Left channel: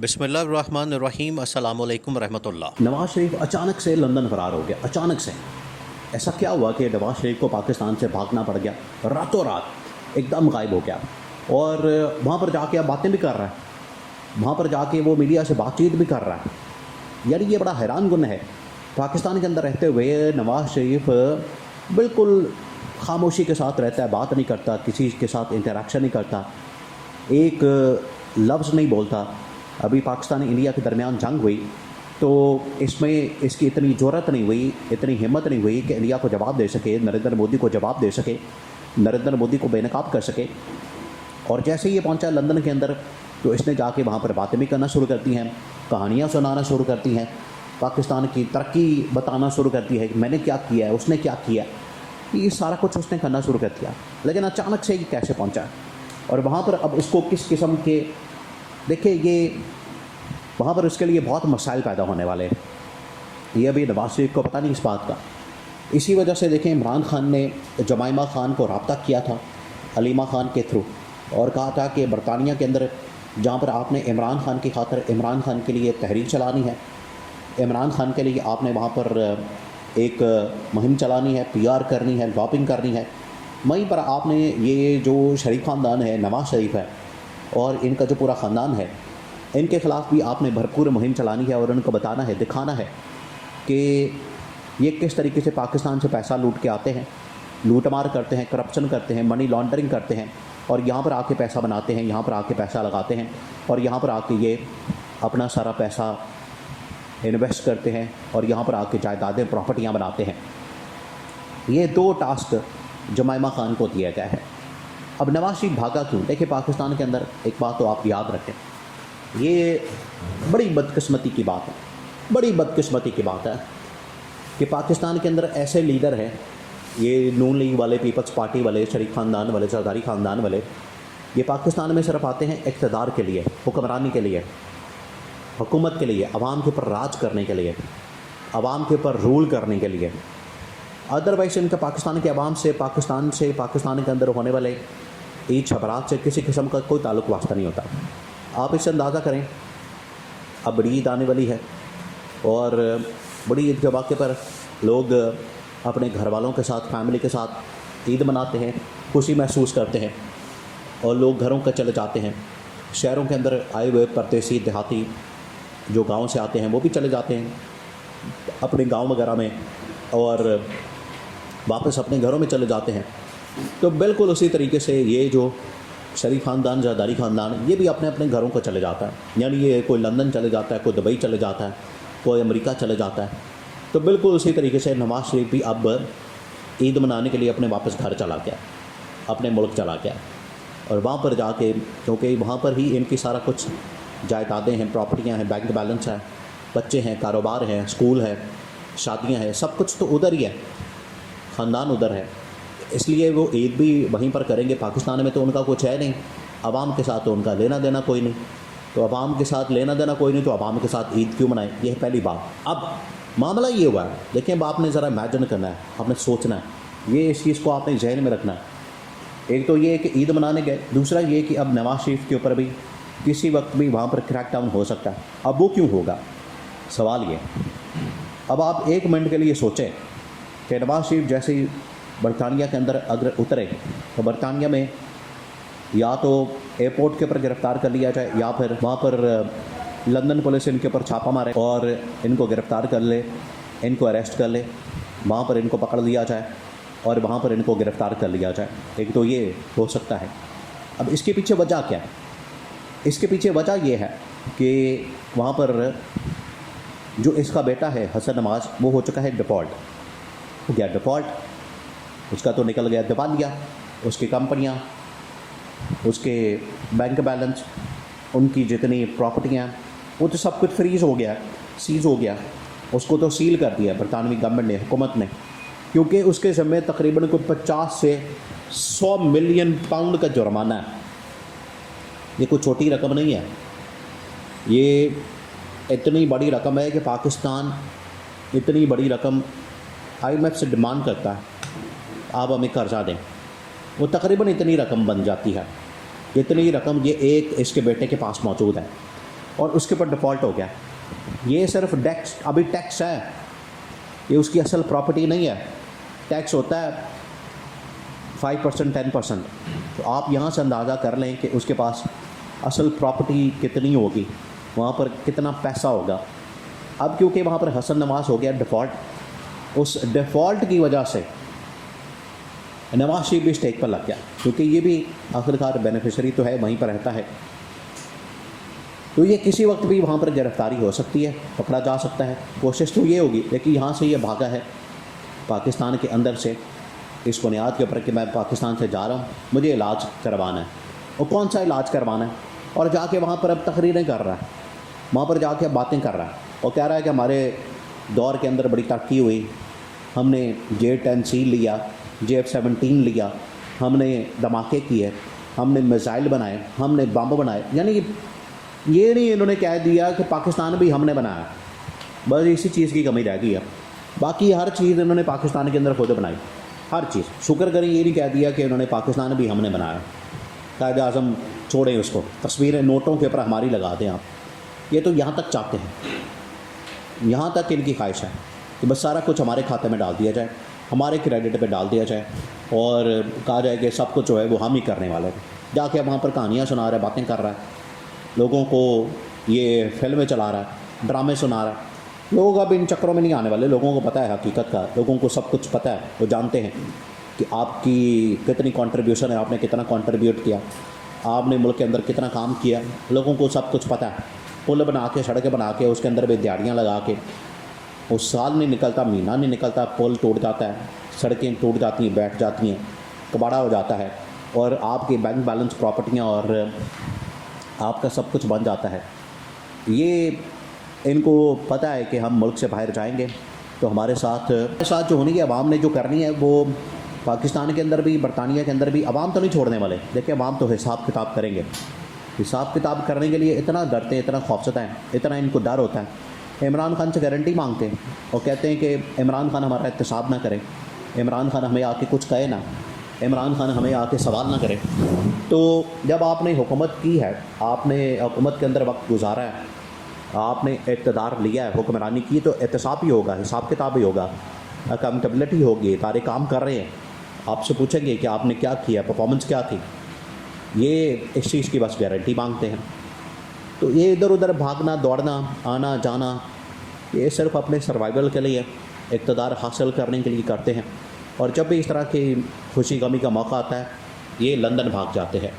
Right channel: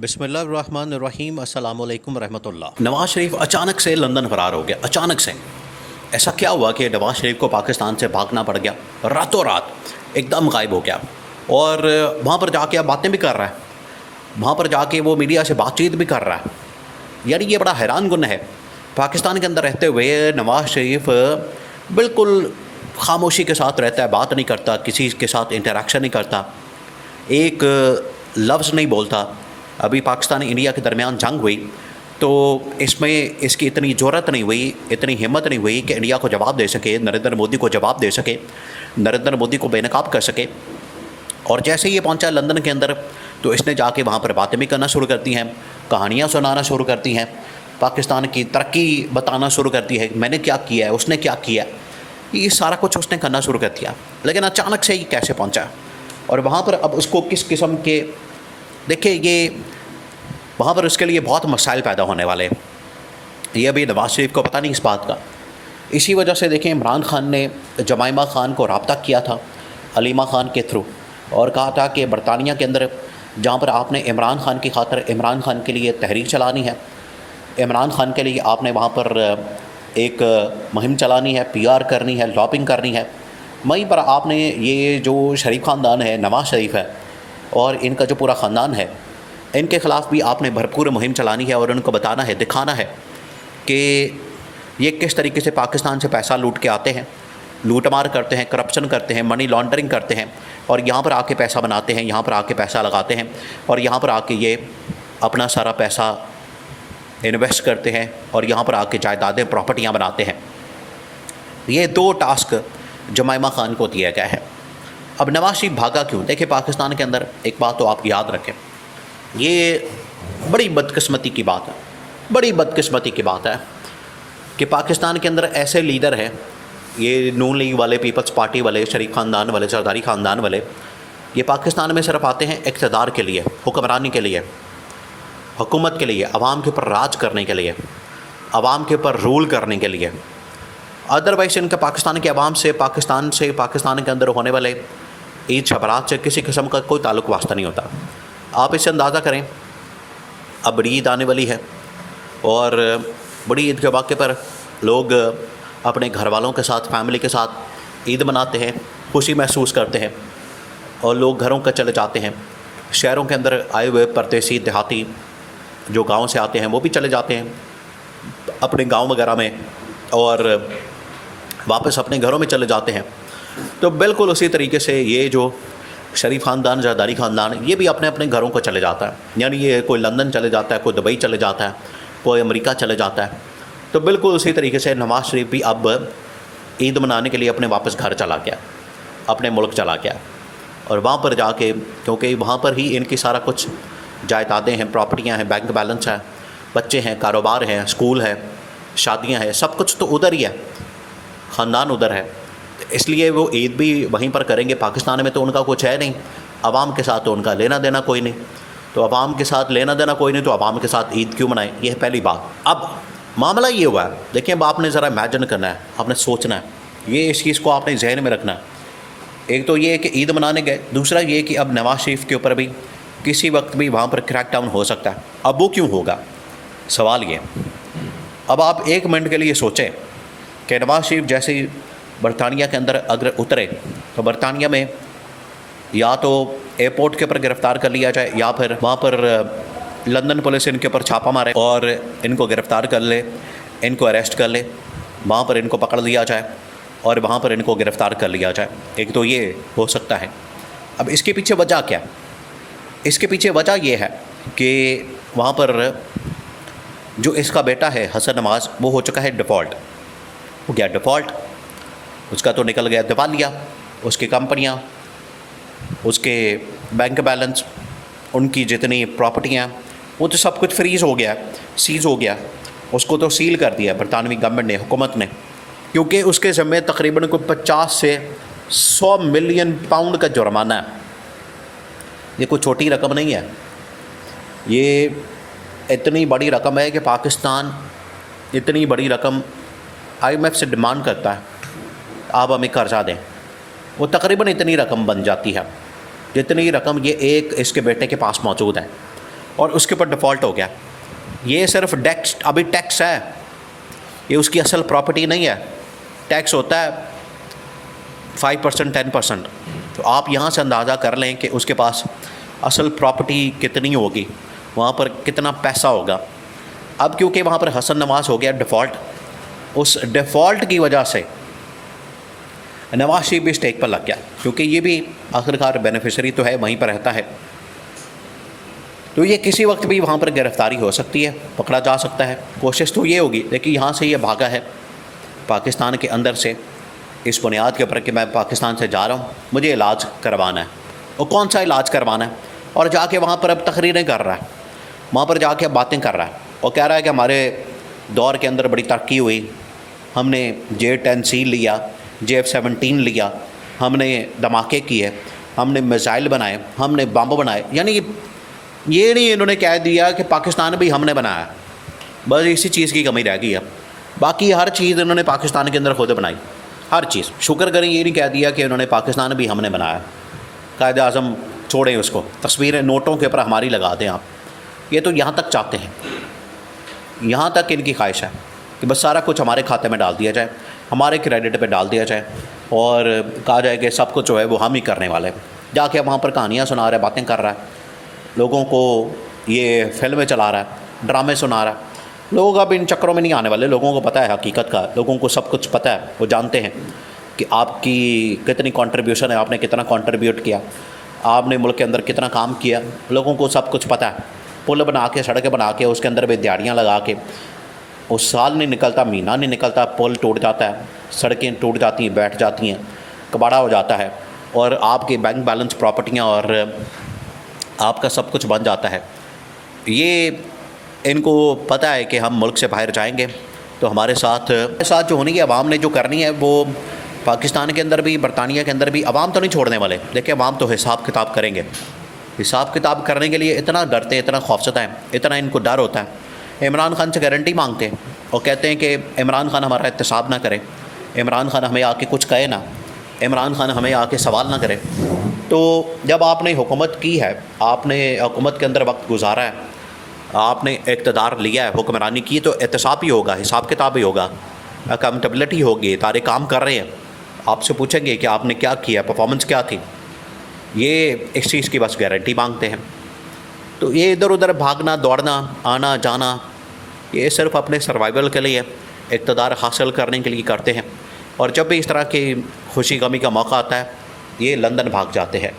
बिस्मिल्लाहिर्रहमानिर्रहीम अस्सलामु अलैकुम रहमतुल्लाह। नवाज शरीफ अचानक से लंदन फरार हो गया। अचानक से ऐसा क्या हुआ कि नवाज शरीफ को पाकिस्तान से भागना पड़ गया? रातों रात एकदम गायब हो गया और वहाँ पर जाके अब बातें भी कर रहा है, वहाँ पर जाके वो मीडिया से बातचीत भी कर रहा है। यानी ये बड़ा हैरान कुन है। पाकिस्तान के अंदर रहते हुए नवाज शरीफ बिल्कुल खामोशी के साथ रहता है, बात नहीं करता, किसी के साथ इंटरेक्शन नहीं करता, एक लफ्ज़ नहीं बोलता। अभी पाकिस्तान इंडिया के दरमियान जंग हुई तो इसमें इसकी इतनी ज़रूरत नहीं हुई, इतनी हिम्मत नहीं हुई कि इंडिया को जवाब दे सके, नरेंद्र मोदी को जवाब दे सके, नरेंद्र मोदी को बेनकाब कर सके। और जैसे ही ये पहुंचा लंदन के अंदर तो इसने जाके वहाँ पर बातें भी करना शुरू करती हैं, कहानियाँ सुनाना शुरू करती हैं, पाकिस्तान की तरक्की बताना शुरू करती है, मैंने क्या किया है, उसने क्या किया, ये सारा कुछ उसने करना शुरू कर दिया। लेकिन अचानक से ये कैसे पहुँचा और वहाँ पर अब उसको किस किस्म के, देखिए ये वहाँ पर उसके लिए बहुत मसाइल पैदा होने वाले हैं। ये अभी नवाज शरीफ को पता नहीं इस बात का। इसी वजह से देखें इमरान खान ने जमाइमा खान को रब्ता किया था अलीमा खान के थ्रू और कहा था कि बरतानिया के अंदर जहाँ पर आपने इमरान खान की खातर इमरान खान के लिए तहरीक चलानी है, इमरान खान के लिए आपने वहाँ पर एक मुहिम चलानी है, PR करनी है, लॉबिंग करनी है, वहीं पर आपने ये जो शरीफ ख़ानदान है, नवाज शरीफ है और इनका जो पूरा ख़ानदान है, इनके ख़िलाफ़ भी आपने भरपूर मुहिम चलानी है और उनको बताना है, दिखाना है कि ये किस तरीके से पाकिस्तान से पैसा लूट के आते हैं, लूटमार करते हैं, करप्शन करते हैं, मनी लॉन्ड्रिंग करते हैं और यहाँ पर आके पैसा बनाते हैं, यहाँ पर आके पैसा लगाते हैं और यहाँ पर आके ये अपना सारा पैसा इन्वेस्ट करते हैं और यहाँ पर आके जायदादें, प्रॉपर्टियाँ बनाते हैं। ये 2 टास्क जमाइमा खान को दिया गया है। अब नवाज शरीफ भागा क्यों? देखिए पाकिस्तान के अंदर एक बात तो आप याद रखें, ये बड़ी बदकिस्मती की बात है, बड़ी बदकिस्मती की बात है कि पाकिस्तान के अंदर ऐसे लीडर हैं, ये नून लीग वाले, पीपल्स पार्टी वाले, शरीफ ख़ानदान वाले, सरदारी ख़ानदान वाले, ये पाकिस्तान में सिर्फ आते हैं इक़्तिदार के लिए, हुक्मरानी के लिए, हुकूमत के लिए, आवाम के ऊपर राज करने के लिए, आवाम के ऊपर रूल करने के लिए। अदरवाइज इनका पाकिस्तान के अवाम से, पाकिस्तान के अंदर होने वाले ईद शबरात से किसी किस्म का कोई ताल्लुक़ वास्ता नहीं होता। आप इससे अंदाज़ा करें, अब बड़ी ईद आने वाली है और बड़ी ईद के मौके पर लोग अपने घर वालों के साथ, फैमिली के साथ ईद मनाते हैं, खुशी महसूस करते हैं और लोग घरों का चले जाते हैं। शहरों के अंदर आए हुए परदेसी देहाती जो गाँव से आते हैं वो भी चले जाते हैं अपने गाँव वगैरह में और वापस अपने घरों में चले जाते हैं। तो बिल्कुल उसी तरीके से ये जो शरीफ ख़ानदान, जरदारी ख़ानदान, ये भी अपने अपने घरों को चले जाता है। यानी ये कोई लंदन चले जाता है, कोई दुबई चले जाता है, कोई अमेरिका चले जाता है। तो बिल्कुल उसी तरीके से नवाज शरीफ भी अब ईद मनाने के लिए अपने वापस घर चला गया, अपने मुल्क चला गया और वहाँ पर जाके, क्योंकि वहाँ पर ही इनकी सारा कुछ जायदादें हैं, प्रॉपर्टियाँ हैं, बैंक बैलेंस है, बच्चे हैं, कारोबार हैं, स्कूल है, शादियाँ हैं, सब कुछ तो उधर ही है, ख़ानदान उधर है। इसलिए वो ईद भी वहीं पर करेंगे। पाकिस्तान में तो उनका कुछ है नहीं, आवाम के साथ तो उनका लेना देना कोई नहीं, तो आवाम के साथ लेना देना कोई नहीं, तो आवाम के साथ ईद क्यों मनाएं? ये है पहली बात। अब मामला ये हुआ है, देखिए अब आपने ज़रा इमेजिन करना है, आपने सोचना है, ये इस चीज़ को आपने जहन में रखना है। एक तो ये है कि ईद मनाने गए, दूसरा ये कि अब नवाज शरीफ के ऊपर भी किसी वक्त भी वहाँ पर क्रैकडाउन हो सकता है। अब वो क्यों होगा? सवाल ये, अब आप 1 मिनट के लिए सोचें कि नवाज शरीफ जैसे ही बरतानिया के अंदर अगर उतरे तो बरतानिया में या तो एयरपोर्ट के ऊपर गिरफ़्तार कर लिया जाए या फिर वहाँ पर लंदन पुलिस इनके ऊपर छापा मारे और इनको गिरफ़्तार कर ले, इनको अरेस्ट कर ले, वहाँ पर इनको पकड़ लिया जाए और वहाँ पर इनको गिरफ़्तार कर लिया जाए। एक तो ये हो सकता है। अब इसके पीछे वजह क्या? इसके पीछे वजह ये है कि वहाँ पर जो इसका बेटा है हसन नवाज़, वो हो चुका है डिफ़ॉल्ट, हो गया डिफ़ॉल्ट, उसका तो निकल गया दिवालिया, उसकी कंपनियां, उसके बैंक बैलेंस, उनकी जितनी प्रॉपर्टियां, वो तो सब कुछ फ्रीज़ हो गया, सीज़ हो गया, उसको तो सील कर दिया बरतानवी गवर्नमेंट ने, हुकूमत ने, क्योंकि उसके ज़िम्मे तकरीबन कोई 50 से 100 मिलियन पाउंड का जुर्माना है। ये कोई छोटी रकम नहीं है, ये इतनी बड़ी रकम है कि पाकिस्तान इतनी बड़ी रकम IMF से डिमांड करता है, आप हमें कर्जा दें। वो तकरीबन इतनी रकम बन जाती है जितनी रकम ये एक इसके बेटे के पास मौजूद है। और उसके ऊपर डिफ़ॉल्ट हो गया। ये सिर्फ अभी टैक्स है, ये उसकी असल प्रॉपर्टी नहीं है। टैक्स होता है 5% 10%। तो आप यहाँ से अंदाज़ा कर लें कि उसके पास असल प्रॉपर्टी कितनी होगी, वहाँ पर कितना पैसा होगा। अब क्योंकि वहाँ पर हसन नवाज़ हो गया डिफ़ॉल्ट, उस डिफ़ॉल्ट की वजह से नवाज शरीफ भी स्टेक पर लग गया, क्योंकि ये भी आखिरकार बेनिफिशरी तो है, वहीं पर रहता है। तो ये किसी वक्त भी वहाँ पर गिरफ़्तारी हो सकती है, पकड़ा जा सकता है। कोशिश तो ये होगी, लेकिन यहाँ से ये भागा है पाकिस्तान के अंदर से इस बुनियाद के ऊपर कि मैं पाकिस्तान से जा रहा हूँ, मुझे इलाज करवाना है। और कौन सा इलाज करवाना है, और जाके वहाँ पर अब तकरीरें कर रहा है, वहाँ पर जाके अब बातें कर रहा है और कह रहा है कि हमारे दौर के अंदर बड़ी तरक्की हुई, हमने J-10C लिया, J-17 लिया, हमने धमाके किए, हमने मिसाइल बनाए, हमने बम बनाए। यानी ये नहीं इन्होंने कह दिया कि पाकिस्तान भी हमने बनाया, बस इसी चीज़ की कमी रह गई है। बाकी हर चीज़ इन्होंने पाकिस्तान के अंदर खुद बनाई, हर चीज़। शुक्र करें ये नहीं कह दिया कि इन्होंने पाकिस्तान भी हमने बनाया। कायदे आज़म छोड़ें उसको, तस्वीरें नोटों के ऊपर हमारी लगा दें आप। ये तो यहाँ तक चाहते हैं, यहाँ तक इनकी ख्वाहिश है कि बस सारा कुछ हमारे खाते में डाल दिया जाए, हमारे क्रेडिट पे डाल दिया जाए और कहा जाए कि सब कुछ जो है वो हम ही करने वाले हैं। जाके वहाँ पर कहानियाँ सुना रहा है, बातें कर रहा है, लोगों को ये फिल्में चला रहा है, ड्रामे सुना रहा है। लोग अब इन चक्करों में नहीं आने वाले, लोगों को पता है हकीकत का, लोगों को सब कुछ पता है। वो जानते हैं कि आपकी कितनी कंट्रीब्यूशन है, आपने कितना कंट्रीब्यूट किया, आपने मुल्क के अंदर कितना काम किया, लोगों को सब कुछ पता है। पुल बना के, सड़कें बना के, उसके अंदर भी दिहाड़ियाँ लगा के, उस साल नहीं निकलता, महीना नहीं निकलता, पुल टूट जाता है, सड़कें टूट जाती हैं, बैठ जाती हैं, कबाड़ा हो जाता है, और आपके बैंक बैलेंस, प्रॉपर्टियाँ और आपका सब कुछ बन जाता है। ये इनको पता है कि हम मुल्क से बाहर जाएंगे तो हमारे साथ जो होनी है, अवाम ने जो करनी है वो पाकिस्तान के अंदर भी, बरतानिया के अंदर भी अवाम तो नहीं छोड़ने वाले। देखिए अवाम तो हिसाब किताब करेंगे। हिसाब किताब करने के लिए इतना डरते हैं, इतना खौफज़दा है, इतना इनको डर होता है। इमरान खान से गारंटी मांगते हैं और कहते हैं कि इमरान खान हमारा एहतसाब ना करे, इमरान खान हमें आके कुछ कहे ना, इमरान खान हमें आके सवाल ना करे। तो जब आपने हुकूमत की है, आपने हुकूमत के अंदर वक्त गुजारा है, आपने इक़्तिदार लिया है, हुक्मरानी की, तो एहतसाब ही होगा, हिसाब किताब ही होगा, अकाउंटेबिलिटी होगी। तारे काम कर रहे हैं, आपसे पूछेंगे कि आपने क्या किया, परफॉर्मेंस क्या थी। ये इस चीज़ की बस गारंटी मांगते हैं। तो ये इधर उधर भागना, दौड़ना, आना जाना, ये सिर्फ अपने सर्वाइवल के लिए, इक़्तिदार हासिल करने के लिए करते हैं। और जब भी इस तरह की खुशी गमी का मौका आता है, ये लंदन भाग जाते हैं।